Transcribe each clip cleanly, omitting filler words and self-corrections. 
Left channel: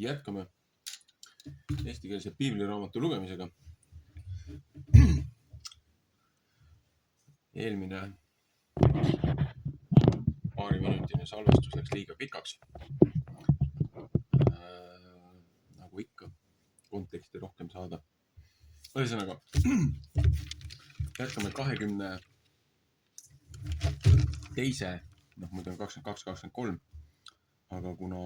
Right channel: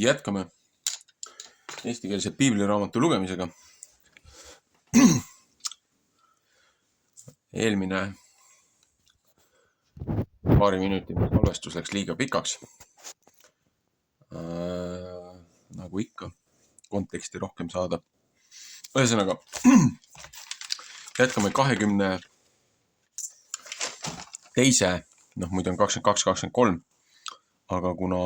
Jätkame eestikeelse piibliraamatu lugemisega. Eelmine paariminutiline salvestus läks liiga pikaks. Nagu ikka, konteksti rohkem saada. Ühesõnaga, jätkame 22. Muidu on 22-23, aga kuna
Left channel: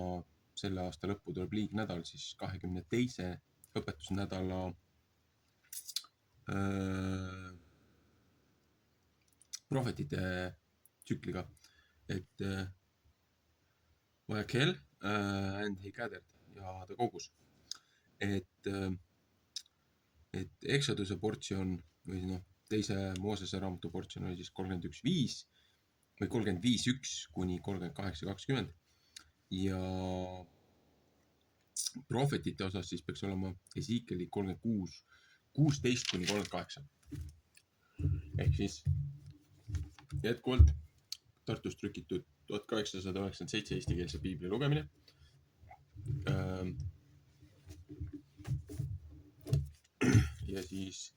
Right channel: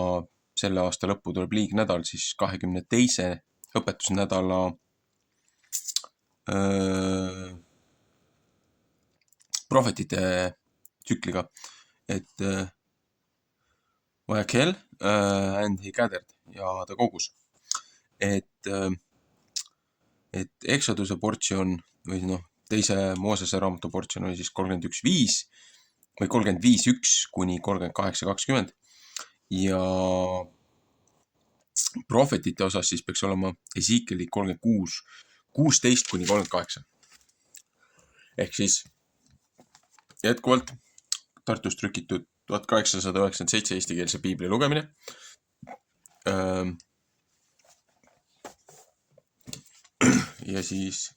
selle aasta lõppu tuleb liignädal, siis 22. õpetusnädala prohvetite tsükliga, et Vajakel and he gathered ja ta kogus. Et Exoduse portsjon või teise Moosese raamatu portsjon oli siis 31.5 või 35.1 kuni 38.20 ja prohvetite osas siis peaks olema Ezekieli 36.16 kuni 38. Ehk siis jätkuvalt Tartus trükitud 1897 eestikeelse piibli lugemine. Ja siis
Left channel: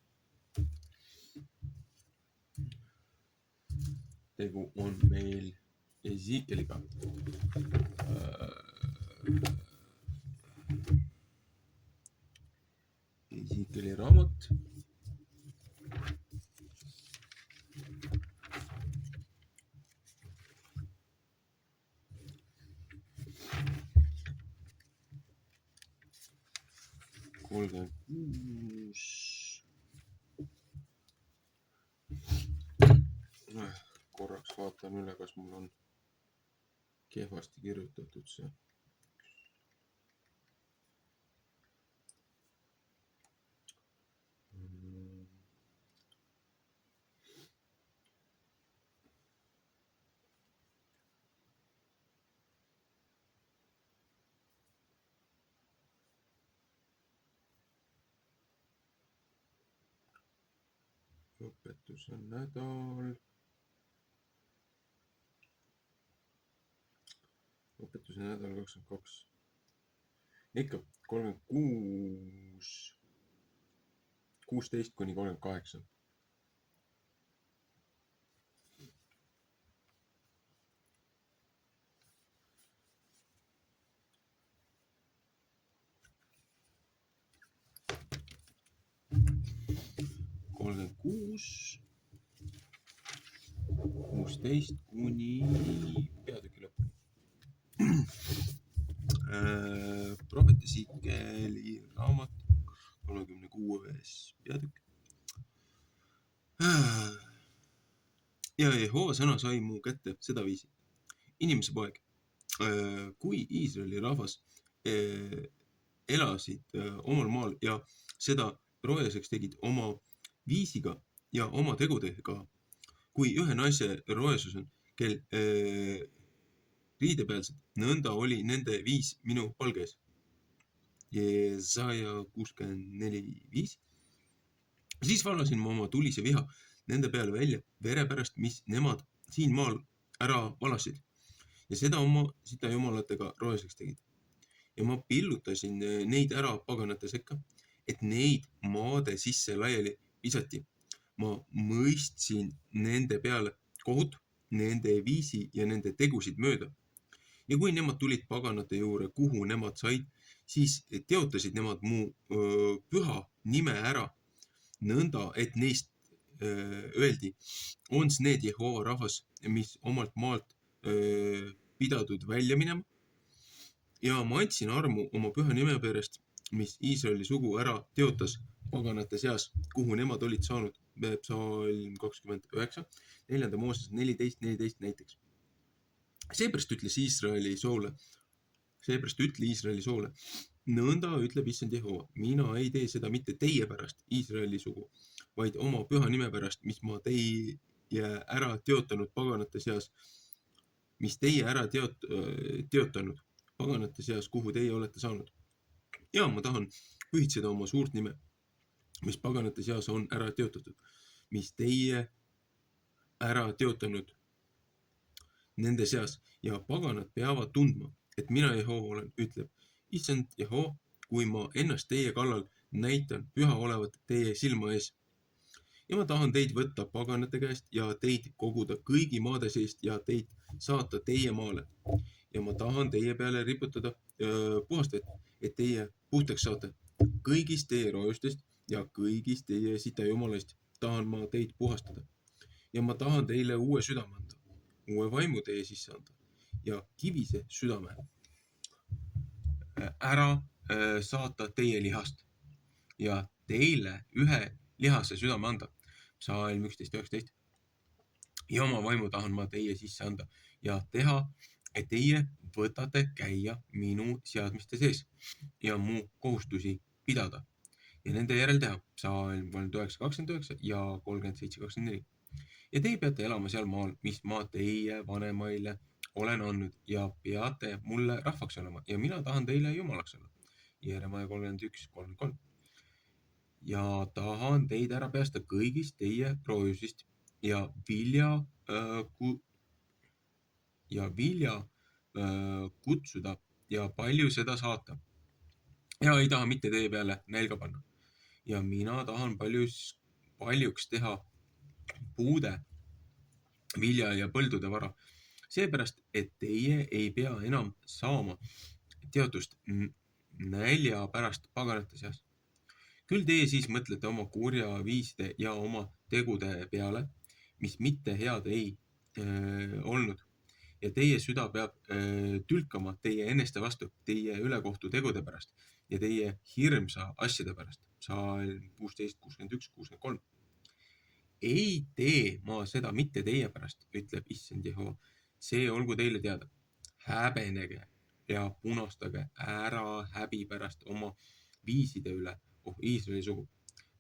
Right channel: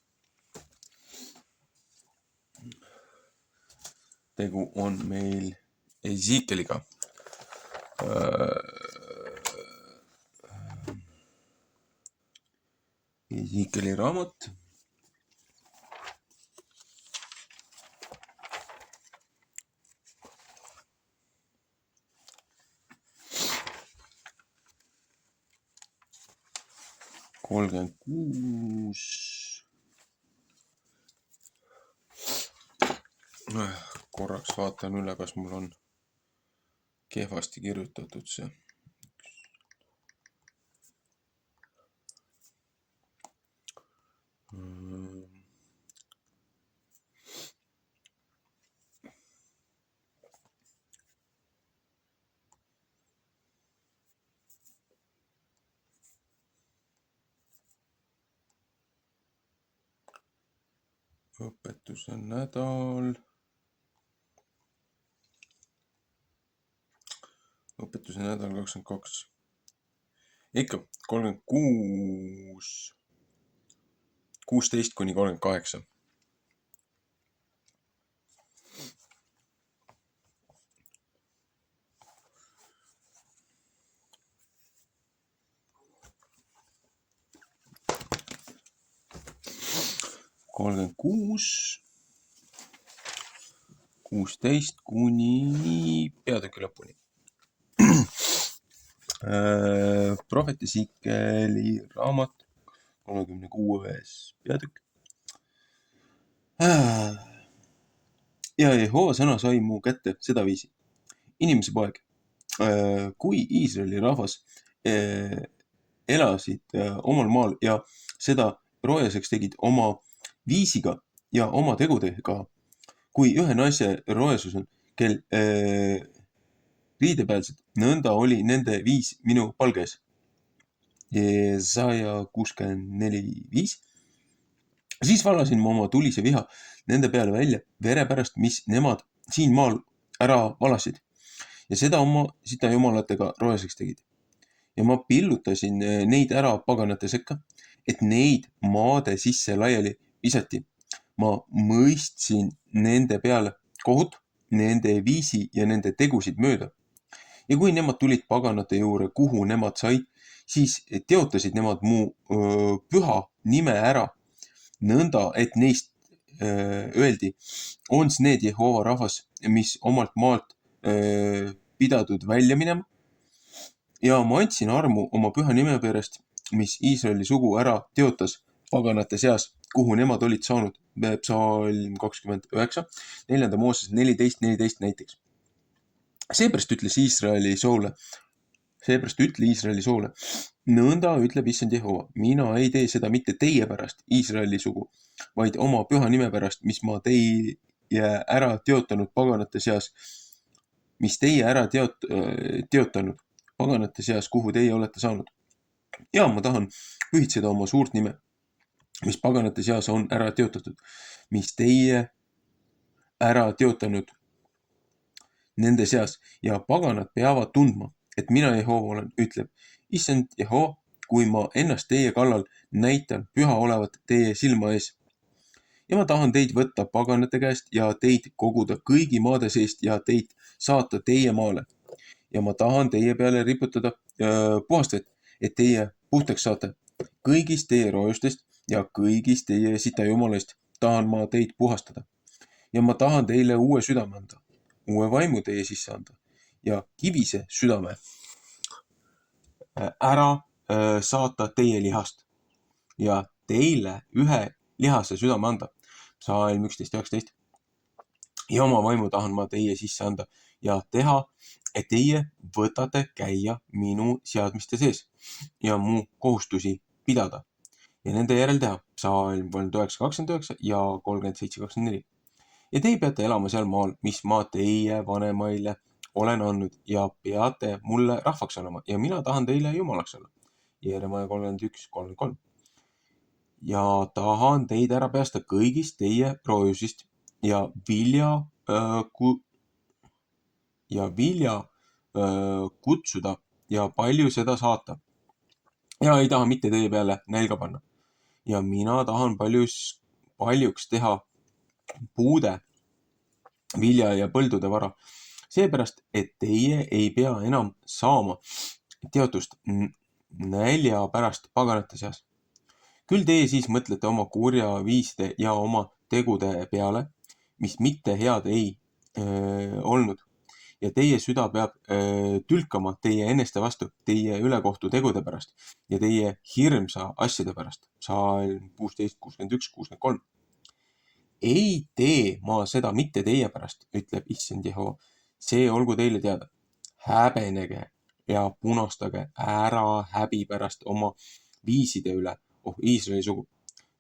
tegu on meil Ezekieliga. Ezekieli raamat. Korraks vaatan üle, kas mul on kehvasti kirjutatud see. Õpetuse nädal. Õpetuse nädal 22. Ikka 36.16 kuni 38. Kolmkümmend 16 kuni peatüki lõpuni. Prohvet Ezekieli raamat 36. peatükk. Ja Jehova sõna sai mu kätte sedaviisi. Inimese poeg, kui Iisraeli rahvas elasid omal maal ja seda roojaseks tegid oma viisiga ja oma tegudega, kui ühe naise roesus on, kel riidepealsed, nõnda oli nende viis minu palges. Jesaja 64.5. Siis valasin ma oma tulise viha nende peale välja vere pärast, mis nemad siin maal ära valasid ja seda oma sita jumalatega roeseks tegid. Ja ma pillutasin neid ära paganate sekka, et neid maade sisse laiali visati. Ma mõistsin nende peale kohut, nende viisi ja nende tegusid mööda. Ja kui nemad tulid paganate juurde, kuhu nemad said, siis teotasid nemad mu püha nime ära, nõnda, et neist öeldi, ons need Jehova rahvas, mis omalt maalt pidadud välja minema. Ja ma andsin armu oma püha nime pärast, mis Iisraeli sugu ära teotas paganate seas, kuhu nemad olid saanud. Psalm 29, 4. Mooses 14 näiteks. Seepärast ütle Iisraeli soole, nõnda ütleb issand Jehova, mina ei tee seda mitte teie pärast, Iisraeli sugu, vaid oma püha nime pärast, mis ma teie ära teotanud paganate seas, kuhu teie olete saanud. Ja ma tahan pühitseda oma suurt nime, mis paganate seas on ära teotatud, mis teie ära teotanud nende seas ja paganad peavad tundma, et mina Jehova olen, ütleb issand Jeho, kui ma ennast teie kallal näitan püha olevat teie silma ees. Ja ma tahan teid võtta paganate käest ja teid koguda kõigi maade seest ja teid saata teie maale. Ja ma tahan teie peale riputada puhast vett, et teie puhtaks saate. Kõigist teie roojustest ja kõigist teie sitajumalist tahan ma teid puhastada. Ja ma tahan teile uue südame anda, uue vaimu teie sisse anda ja kivise südame ära saata teie lihast ja teile ühe lihase südame anda. Psalm 11:19. Ja oma vaimu tahan ma teie sisse anda ja teha, et teie võtate käia minu seadmiste sees ja mu kohustusi pidada ja nende järel teha. Psalm 39:29 ja 37:24. Ja teie peate elama seal maal, mis ma teie vanemaile olen andnud ja peate mulle rahvaks olema ja mina tahan teile jumalaks olla. Jeeremaia 31:33. Ja tahan teid ära päästa kõigist teie roojusist ja vilja kutsuda ja palju seda saata. Ja ei taha mitte teie peale nälga panna. Ja mina tahan paljuks teha puude, vilja ja põldude vara. Seepärast, et teie ei pea enam saama teotust nälja pärast paganate seas. Küll teie siis mõtlete oma kurja viiside ja oma tegude peale, mis mitte head ei olnud. Ja teie süda peab tülkama teie eneste vastu, teie ülekohtu tegude pärast ja teie hirmsa asjade pärast. Psalm 16:61-63. Ei tee ma seda mitte teie pärast, ütleb issand Jeho. See olgu teile teada. Häbenege ja punastage ära häbi pärast oma viiside üle, Iisraeli sugu.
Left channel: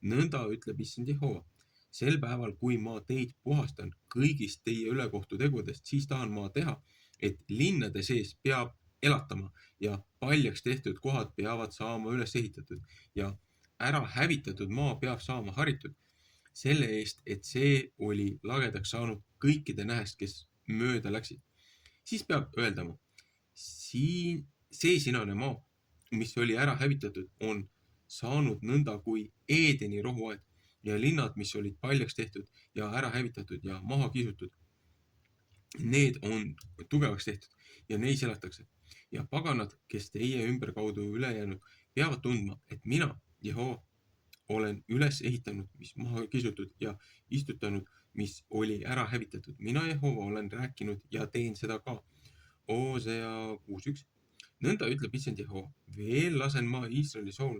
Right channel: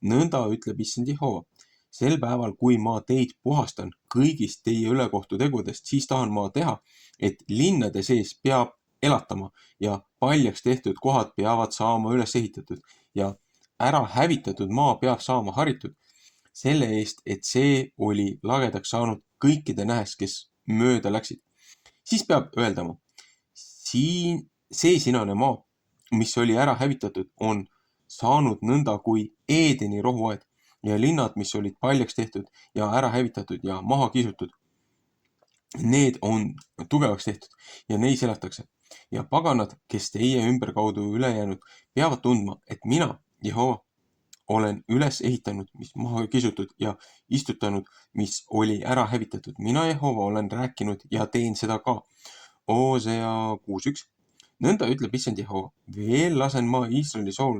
Nõnda ütleb issand Jeho. Sel päeval, kui ma teid puhastan kõigist teie ülekohtu tegudest, siis tahan ma teha, et linnade sees peab elatama ja paljaks tehtud kohad peavad saama üles ehitatud ja ära hävitatud maa peab saama haritud. Selle eest, et see oli lagedaks saanud kõikide nähes, kes mööda läksid. Siis peab öeldama, see sinane maa, mis oli ära hävitatud, on saanud nõnda kui Eedeni rohuaed ja linnad, mis olid paljaks tehtud ja ära hävitatud ja maha kisutud. Need on tugevaks tehtud ja neis elatakse. Ja paganad, kes teie ümberkaudu üle jäänud, peavad tundma, et mina, Jehova, olen üles ehitanud, mis maha kisutud ja istutanud, mis oli ära hävitatud. Mina, Jehova, olen rääkinud ja teen seda ka. Osea 6:1. Nõnda ütleb issand Jehova. Veel lasen ma Iisraeli sool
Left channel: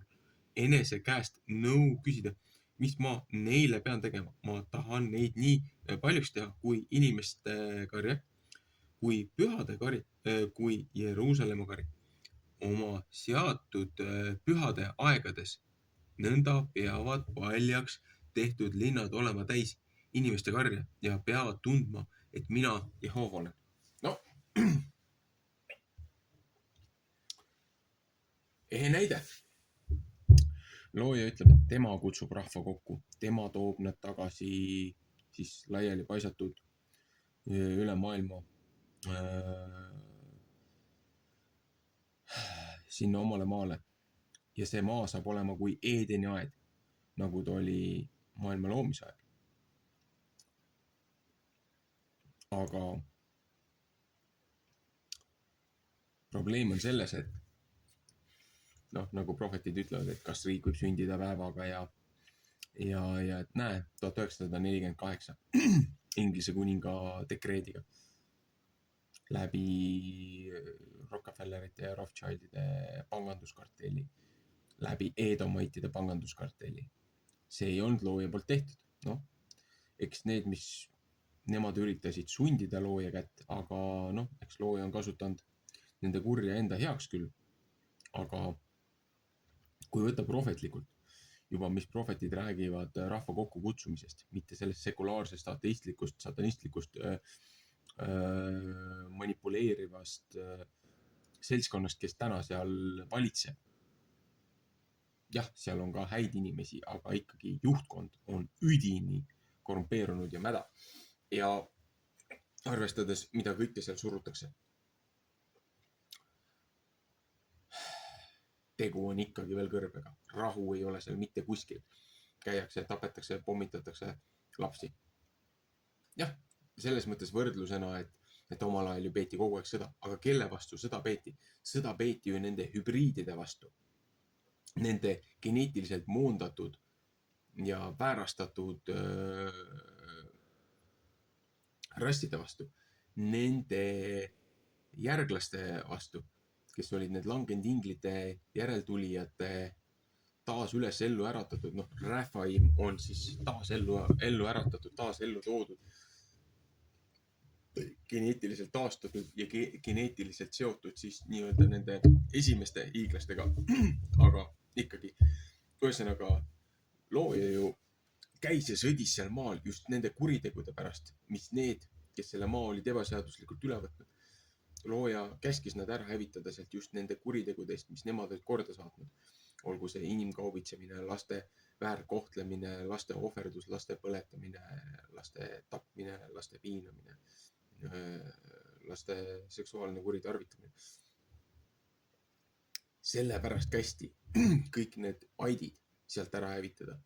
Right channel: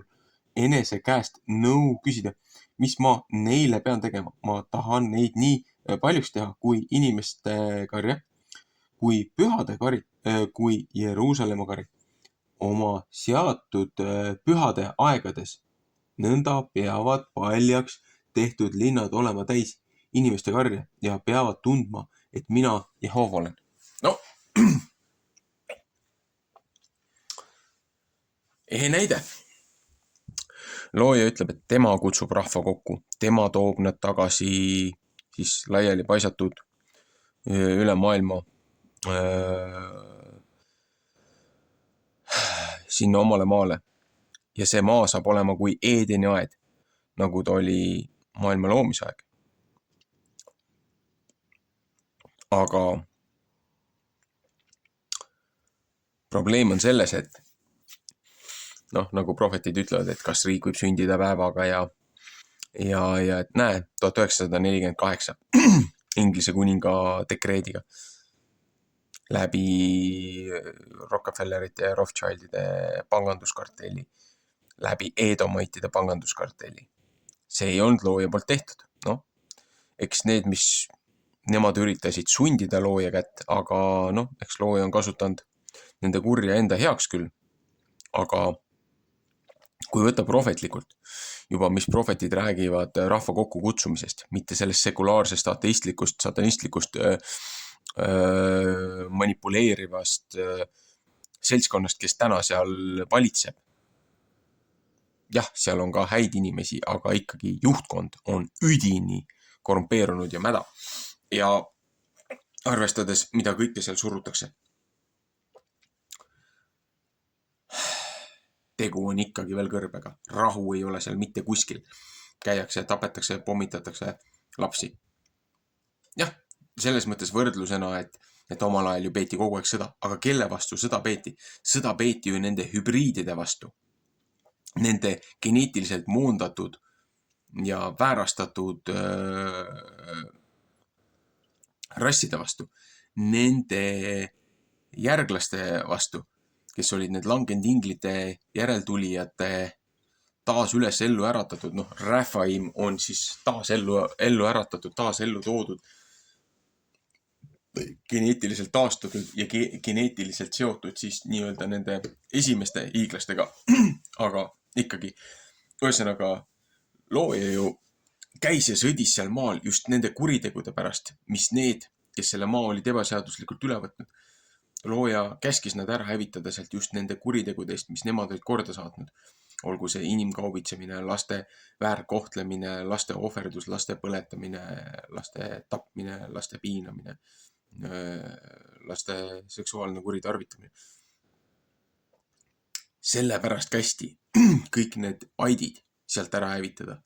enese käest nõu küsida, mis ma neile pean tegema. Ma tahan neid nii paljuks teha kui inimeste karja, kui pühade kari, kui Jeruusalemma kari. Oma seatud pühade aegades nõnda peavad paljaks tehtud linnad olema täis inimeste karja ja peavad tundma, et mina Jehova olen. No, ehe näide. Looja ütleb, et tema kutsub rahva kokku, tema toob nad tagasi siis laiali paisatud üle maailma sinna omale maale. Ja see maa saab olema kui Eedeni aed, nagu ta oli maailma loomise aeg. Aga probleem on selles, et nagu prohvetid ütlevad, et kas riik võib sündida päevaga ja et näe, 1948 Inglise kuninga dekreediga läbi Rockefellerite ja Rothschildide panganduskartelli, läbi Edomaitide panganduskartelli. See ei olnud looja poolt tehtud. Eks need, mis nemad üritasid sundida looja kätt, aga eks looja on kasutanud nende kurja enda heaks küll. Aga kui võtta prohvetlikult, juba mis prohvetid räägivad rahva kokku kutsumisest, mitte sellest sekulaarsest, ateistlikust, satanistlikust, manipuleerivast seltskonnast, kes täna seal valitseb. Jah, seal on ka häid inimesi, aga ikkagi juhtkond on üdini korrumpeerunud ja mäda. Ja arvestades, mida kõike seal surutakse. tegu on ikkagi veel kõrbega. Rahu ei ole seal mitte kuskil. Käiakse, tapetakse, pommitatakse lapsi. Jah, selles mõttes võrdlusena, et omal ajal ju peeti kogu aeg sõda. Aga kelle vastu sõda peeti? Sõda peeti ju nende hübriidide vastu. Nende geneetiliselt moondatud ja väärastatud rasside vastu. Nende järglaste vastu, kes olid need langenud inglite järeltulijate taas üles ellu äratatud. Raphaim on siis taas ellu äratatud, taas ellu toodud, geneetiliselt taastatud ja geneetiliselt seotud siis nii-öelda nende esimeste hiiglastega. Aga ikkagi, ühesõnaga, looja ju käis ja sõdis seal maal just nende kuritegude pärast, mis need, kes selle maa olid ebaseaduslikult üle võtnud. Looja käskis nad ära hävitada sealt just nende kuritegudest, mis nemad olid korda saatnud. Olgu see inimkaubitsemine, laste väärkohtlemine, laste ohverdus, laste põletamine, laste tapmine, laste piinamine, laste seksuaalne kuritarvitamine. Sellepärast kästi kõik need aidid sealt ära hävitada.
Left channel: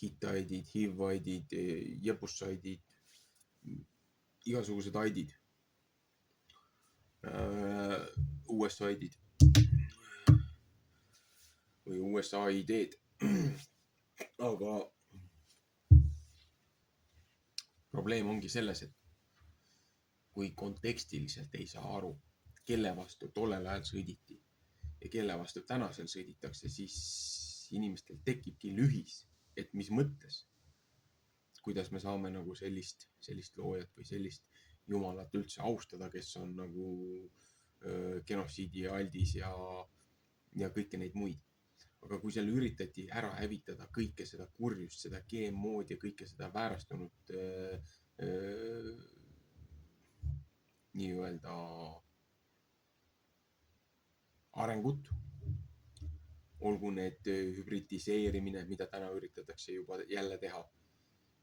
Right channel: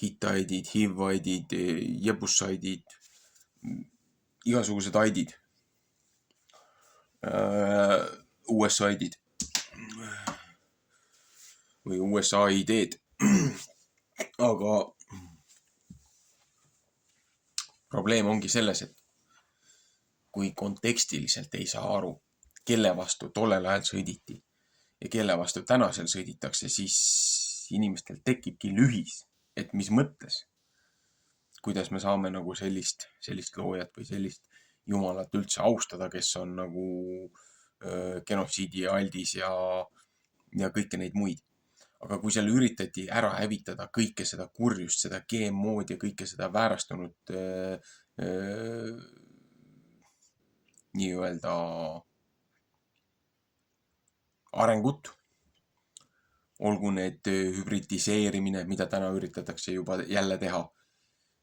Hittaidid, Hivaidid, Jebusaidid, igasugused aidid, USA-idid või USA-ideed. Aga probleem ongi selles, et kui kontekstiliselt ei saa aru, kelle vastu tollel ajal sõditi ja kelle vastu tänasel sõditakse, siis inimestel tekibki lühis, et mis mõttes, kuidas me saame nagu sellist loojat või sellist jumalat üldse austada, kes on nagu genotsiidi aldis ja kõike neid muid. Aga kui seal üritati ära hävitada kõike seda kurjust, seda GMO-d ja kõike seda väärastunud nii-öelda arengut, olgu need hübridiseerimine, mida täna üritatakse juba jälle teha.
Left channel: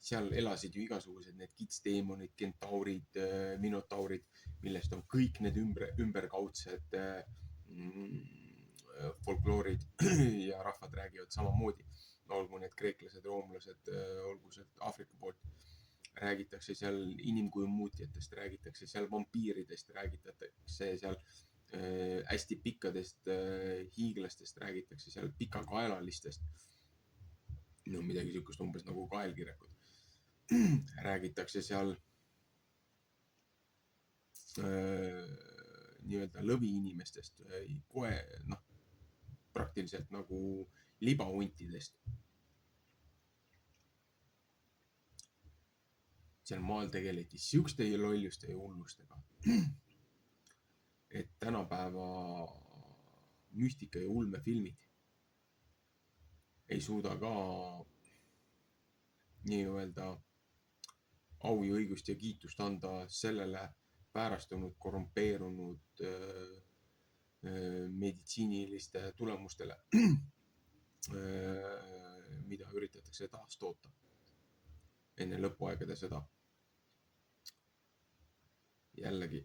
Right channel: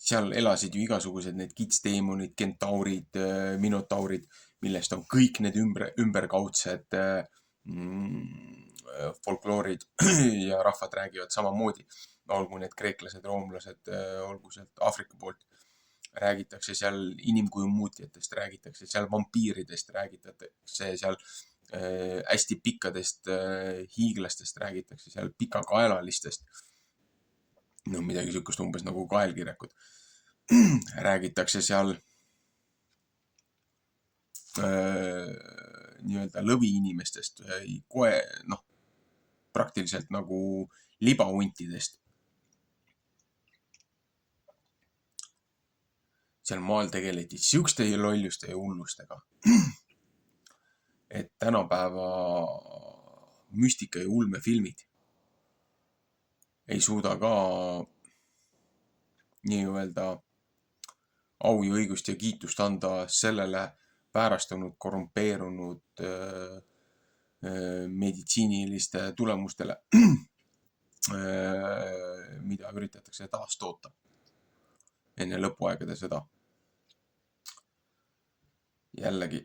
Seal elasid ju igasugused need kitsdeemonid, kentaurid, minotaurid, millest on kõik need ümberkaudsed folkloorid ja rahvad räägivad samamoodi. Olgu need kreeklased, roomlased, olgu sealt Aafrika poolt. Räägitakse seal inimkujumuutjatest, räägitakse seal vampiiridest, räägitakse seal hästi pikkadest hiiglastest, räägitakse seal pikakaelalistest. Midagi sükust umbes nagu kaelkirekud. Räägitakse seal nii-öelda lõvi inimestest, praktiliselt nagu libauntidest. Seal maal tegeleti siukste lolluste ja hullustega, et tänapäeva müstika ja ulmefilmid ei suuda ka nii-öelda au ja õigust ja kiitust anda sellele väärastunud, korrumpeerunud meditsiiniliste tulemustele, mida üritatakse taastoota enne lõpuaegade sõda. Jällegi.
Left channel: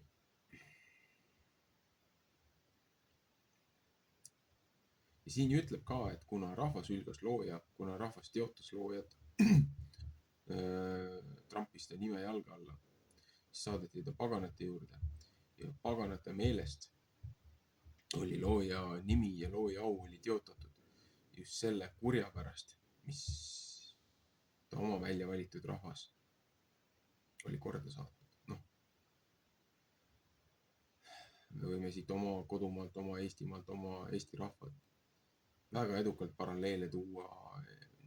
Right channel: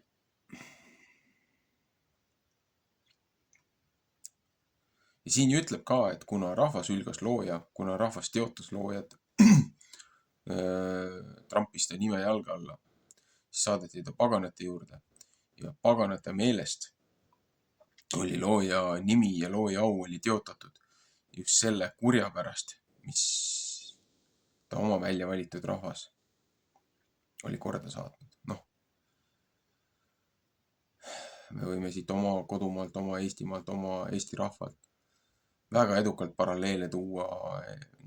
Ja siin ütleb ka, et kuna rahvas ülgas looja, kuna rahvas teotas loojat, trampis ta nime jalga alla, siis saadeti ta paganate juurde ja paganate meelest oli looja nimi ja looja au oli teotatud just selle kurja pärast, mis ta oma välja valitud rahvas oli korda saatnud. Me võime siit oma kodumaalt, oma Eestimaalt, oma Eesti rahvalt väga edukalt paralleele tuua,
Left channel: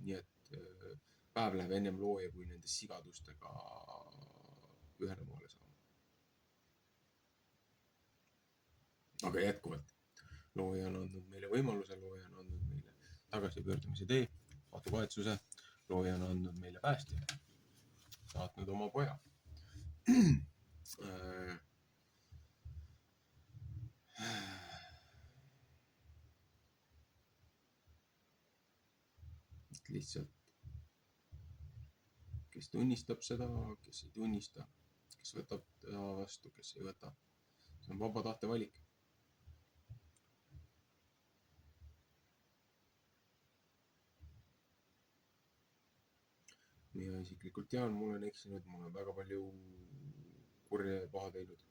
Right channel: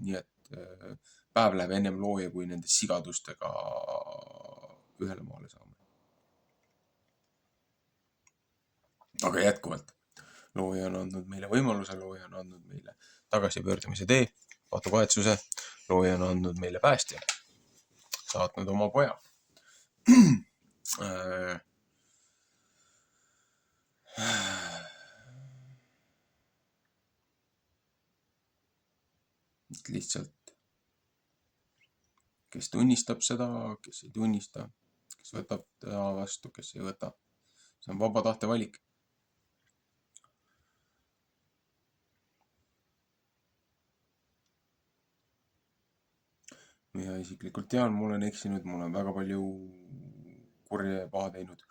nii et päev läheb ennem looja, kui nende sigadustega ühele maale saame. Aga jätkuvalt, looja on andnud meile võimaluse, looja on andnud meile tagasipöördumise tee, pattukahetsuse, looja on andnud meile päästja, saatnud oma poja. Lihtsalt, kes tunnistab seda, kes ei tunnista, kes võtab teda vastu, kes ei võta. See on vaba tahte valik. ja isiklikult tean, ma olen eksinud, ma olen väga palju kurja ja paha teinud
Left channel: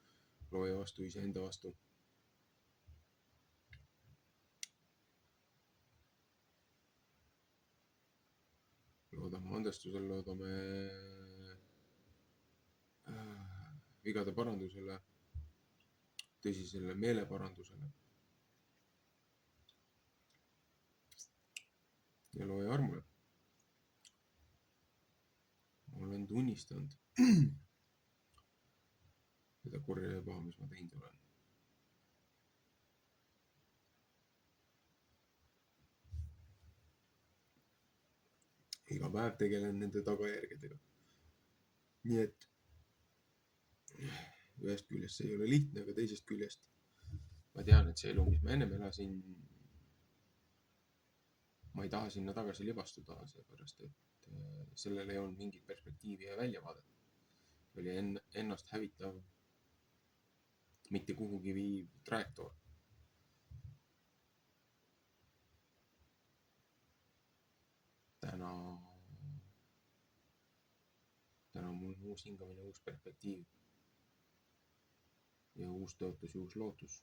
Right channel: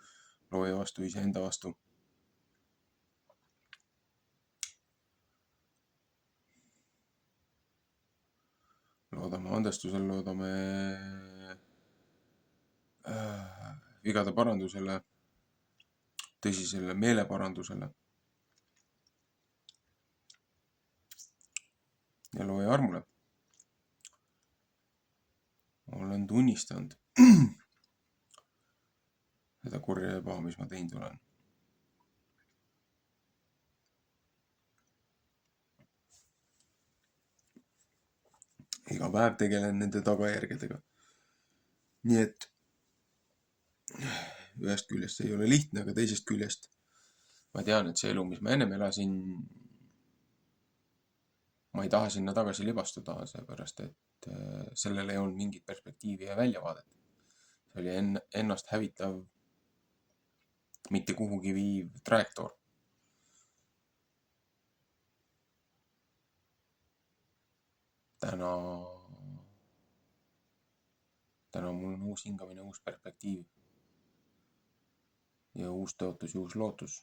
looja vastu, iseenda vastu. Loodame andestusele, loodame vigade parandusele, tõsisele meeleparandusele ja looja armule. Olen tunnistanud seda kurja ja paha, mis ma teinud olen. Iga päev tegelen nende tagajärgedega. Nii et ühest küljest see ei ole lihtne, aga teisest küljest ma tean, et see elu, mis ma ennem elasin, ma ei taha sinna tagasi libastuda, seepärast et sellel ei olnud mingit perspektiivi ja väljavaadet. See oli ennast hävitav, mitte kuhugi viiv trajektoor. Täna mul on uus hingamine, uus perspektiiv ja uus tõotus ja uus lootus,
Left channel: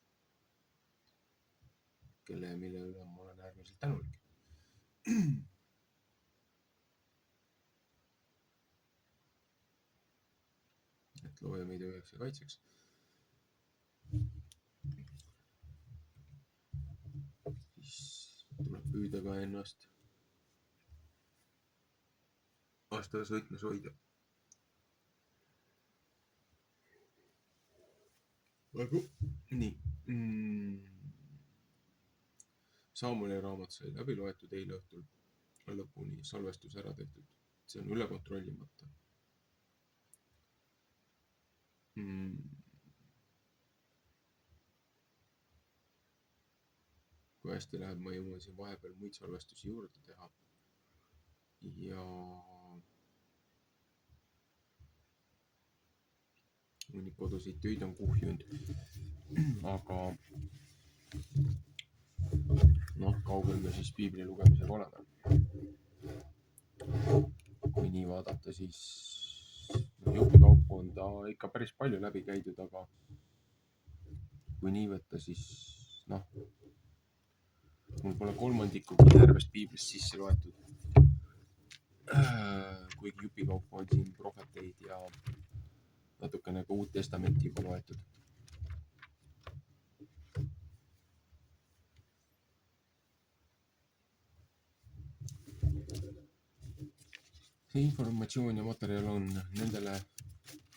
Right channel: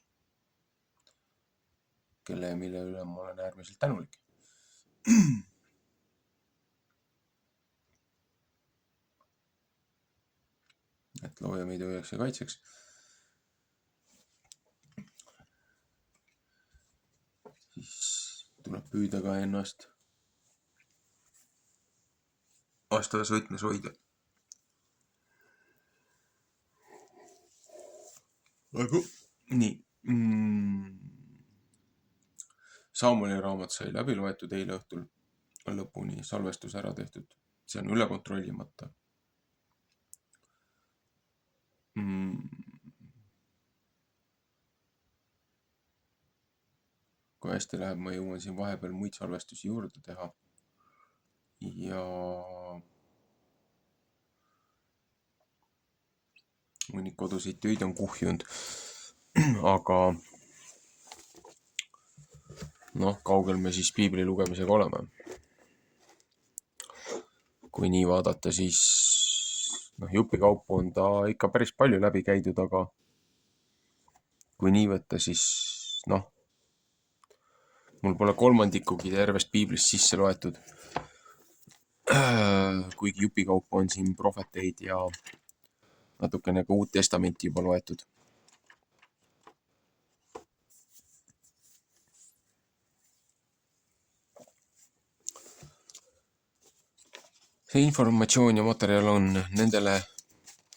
kelle ja mille üle ma olen äärmiselt tänulik. Et looja meid hoiaks ja kaitseks. Siis tuleb püüda ka ennast vastavas võtmes hoida. Nii. Samueli raamat sai läbi loetud eile õhtul lõpuni, salvestus ära tehtud. See on üle kontrollimata. Kui hästi läheb, ma jõuan siin vahepeal muid salvestusi juurde teha. Ja mõni koduseid töid on kuhjunud. Aga kaugel me siis piibli lugemisega oleme. Kui nii vaadata, siis jupikaupu on ta ikka päris palju läbi käidud, aga kui nii võtta, siis mul pole kolmandikugi tervest piiblist sisse loetud. Kuigi jupikaupu on siin prohveteid ja natukene ka Uut Testamenti juba loetud. See informatsioon ja materjal on nendele,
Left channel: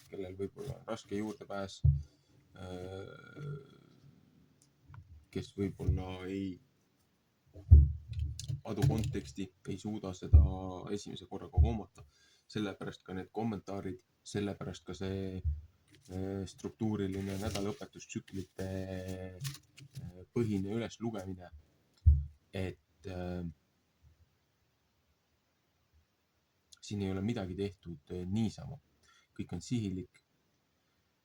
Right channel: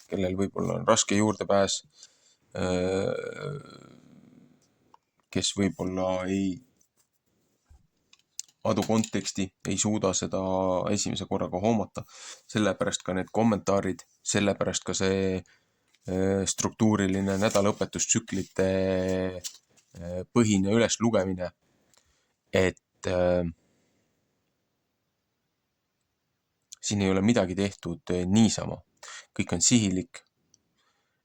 kellel võib-olla on raske juurdepääs, kes võib-olla ei adu konteksti, ei suuda seda esimese korraga hoomata. Sellepärast ka need kommentaarid, sellepärast ka see struktuuriline nädalaõpetustsüklite põhine üleslugemine, et siin ei ole midagi tehtud niisama. Kõik on sihilik,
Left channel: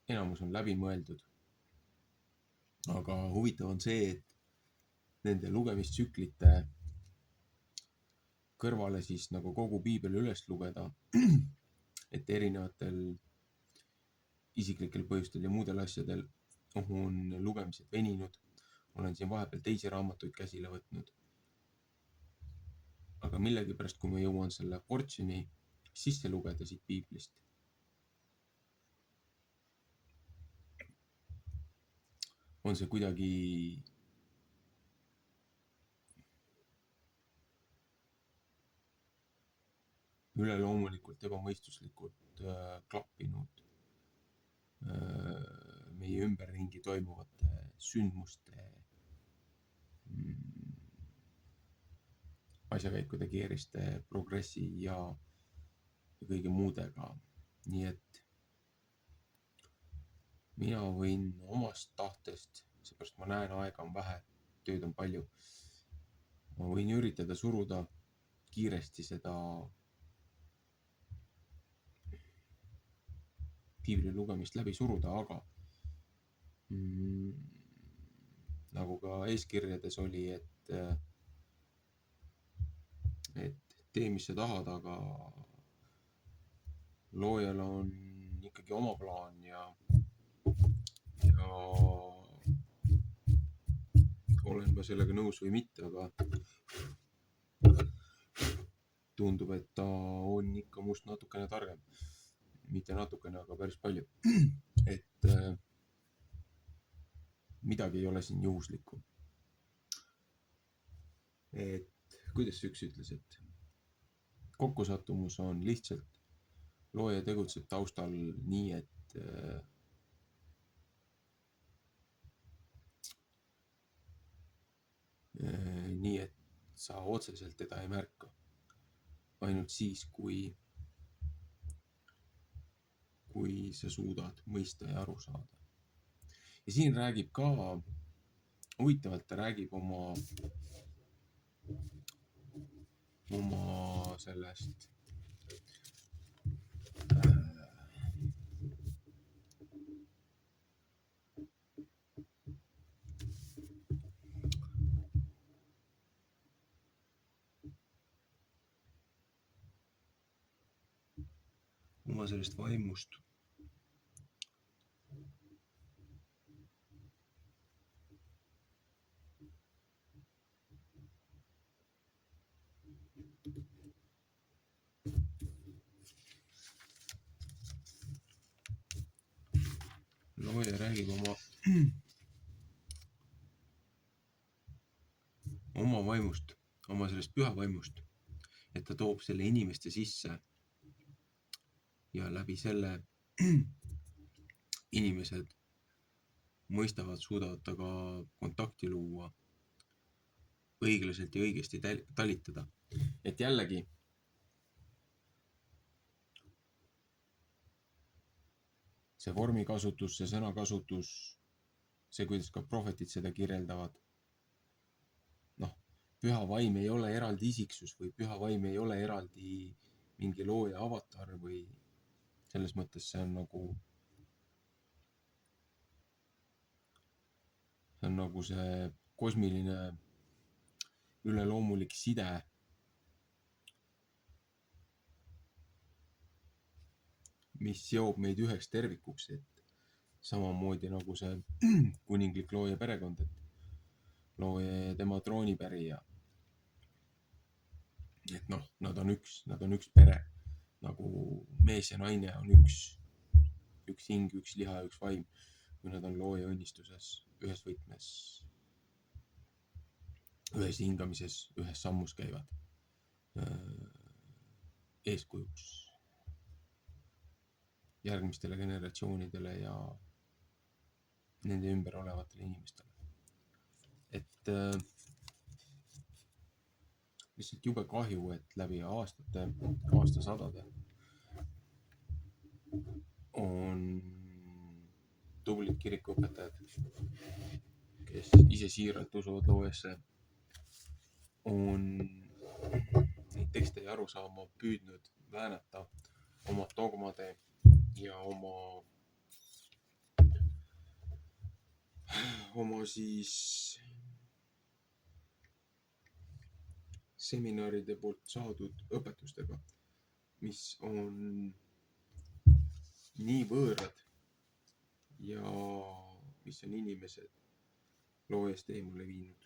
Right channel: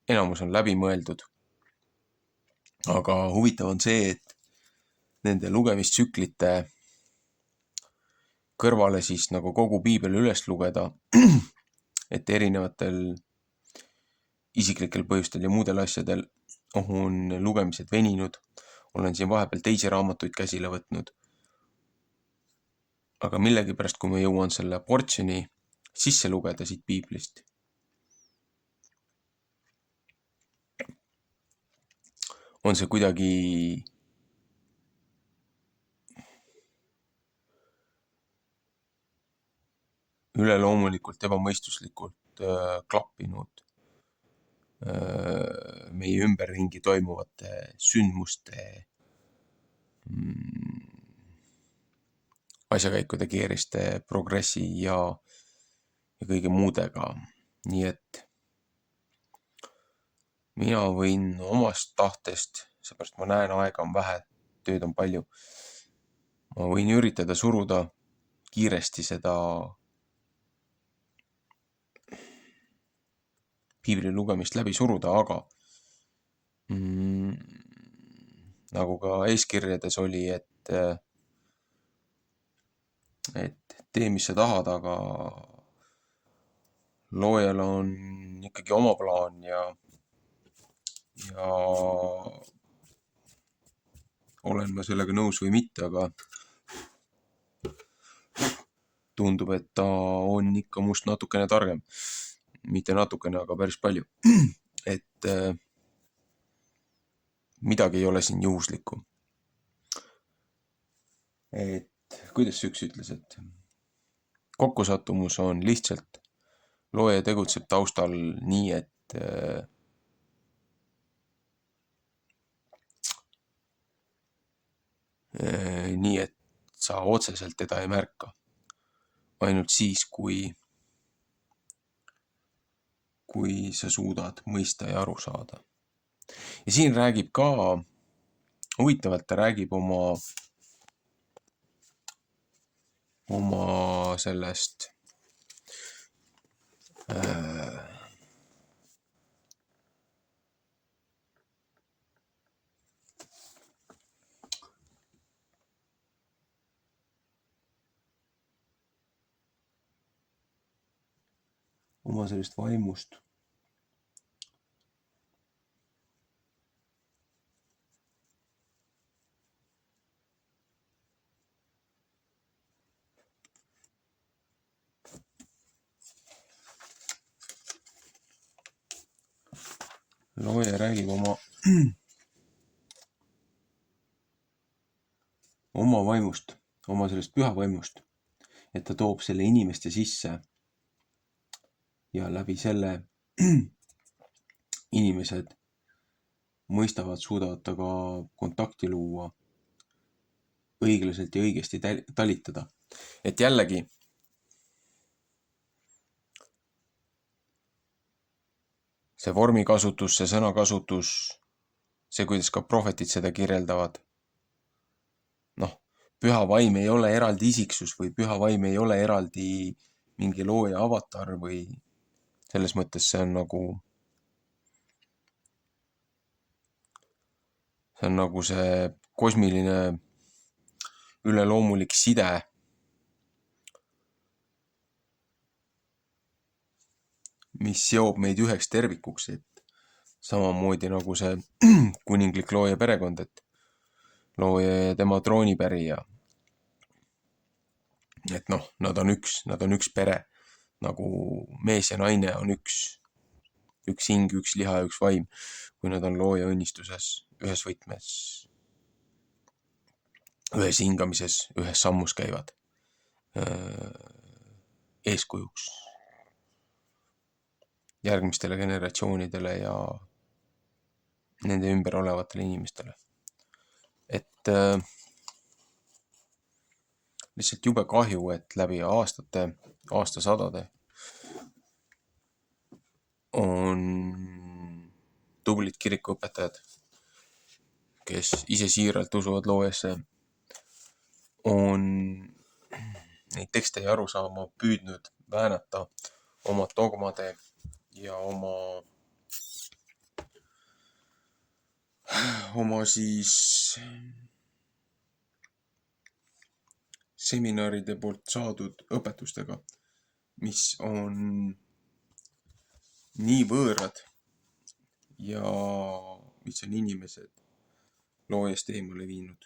enamus on läbimõeldud. Aga huvitav on see, et nende lugemistsüklite kõrvale siis nagu kogu piibel üles lugeda, et erinevatel isiklikel põhjustel ja muudel asjadel on lugemised veninud. Olen siin vahepeal teisi raamatuid käsile võtnud. Aga millegipärast, kui ma jõuan selle portsjoni sisse lugeda siit piiblist, on see kuidagi üleloomulikult, ebamõistuslikult klappinud meie ümberringi toimuvate sündmuste asjakäikude keeriste progressi ja kõige muudega. Nii et mina võin omast tahtest, seepärast ma näen, aega on vähe, tööd on palju. Ma võin üritada suruda kiiresti seda piibli lugemist läbi suruda, aga nagu ka eeskirjades oli, et tee, mis sa tahad, aga loojal on ikkagi oma plaan ja olen ma sellega nõus või mitte, aga tundub, et ta on ikka must natukene targem. Mitte natukene, aga päris palju. Et midagi ei ole siin juhuslikku. Et kuidas üks ütles, et kokkusattumus on lihtsalt looja tegutseb taustal nii, et sa otseselt teda ei märka. Ainult siis, kui sa suudad mõista ja aru saada. Ja siin räägib ka, huvitavalt ta räägib oma sellest vaimust. Looja räägib oma vaimust, oma sellest püha vaimust, et ta toob selle inimeste sisse ja läbi selle inimesed mõistavad, suudavad taga kontakti luua, õiglaselt ja õigesti talitada. Et jällegi see vormikasutus, see sõnakasutus, see, kuidas ka prohvetid seda kirjeldavad. Püha vaim ei ole eraldi isiksus või püha vaim ei ole eraldi mingi looja avatar või selles mõttes see on nagu see kosmiline üleloomulik side, mis seob meid üheks tervikuks, et samamoodi nagu see kuninglik looja perekond, et looja ja tema troonipärija. Et nad on üks pere, nagu mees ja naine on üks hing, üks liha ja üks vaim, kui nad on looja õnnistuses, ühes võtmes, ühes hingamises, ühes sammus käivad eeskujuks järgmistele generatsioonidele ja nende ümber olevatele inimestele. Et lihtsalt jube kahju, et läbi aastasadade on tublid kirikuõpetajad, kes ise siiralt usuvad loojasse, on neid tekste ja arusaama püüdnud väänata oma dogmade ja oma seminaride poolt saadud õpetustega, mis on nii võõrad ja mis on inimesed loojast eemale viinud.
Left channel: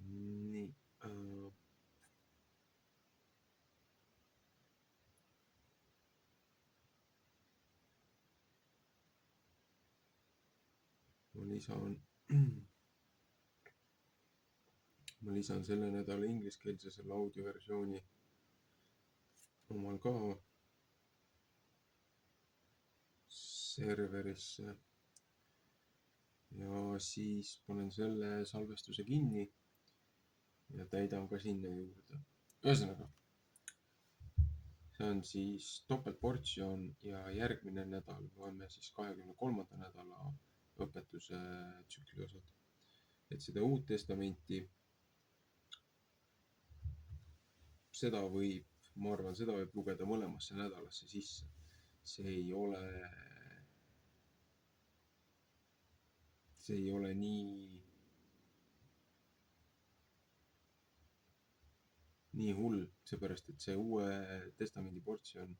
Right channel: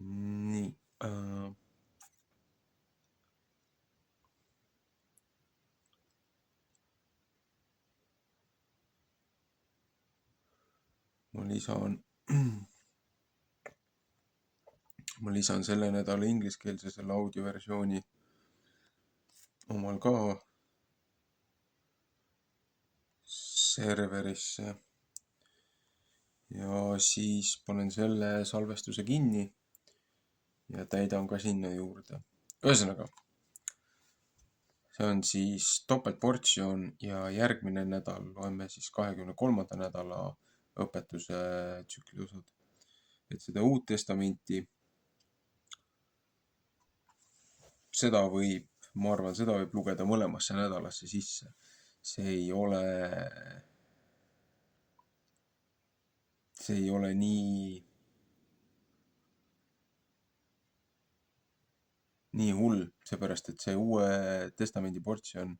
Nii. Ma lisan selle nädala ingliskeelse selle audioversiooni omal ka serverisse ja siis panen selle salvestuse kinni ja täidan ka sinna juurde. Ühesõnaga, see on siis topeltportsjon ja järgmine nädal loeme siis 23. nädala õpetuse tsükli osad. Et seda Uut Testamenti, seda võib lugeda mõlemasse nädalasse sisse. See ei ole nii nii hull, seepärast et see Uue Testamendi portsjon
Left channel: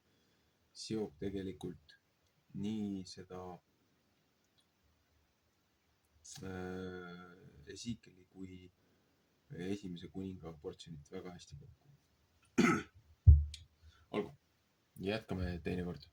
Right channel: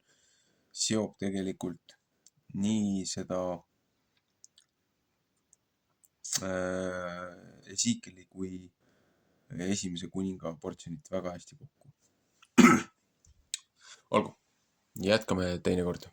seob tegelikult nii seda Esikeli kui esimese kuninga portsjonit väga hästi kokku. Olgu, jätkame teinekord.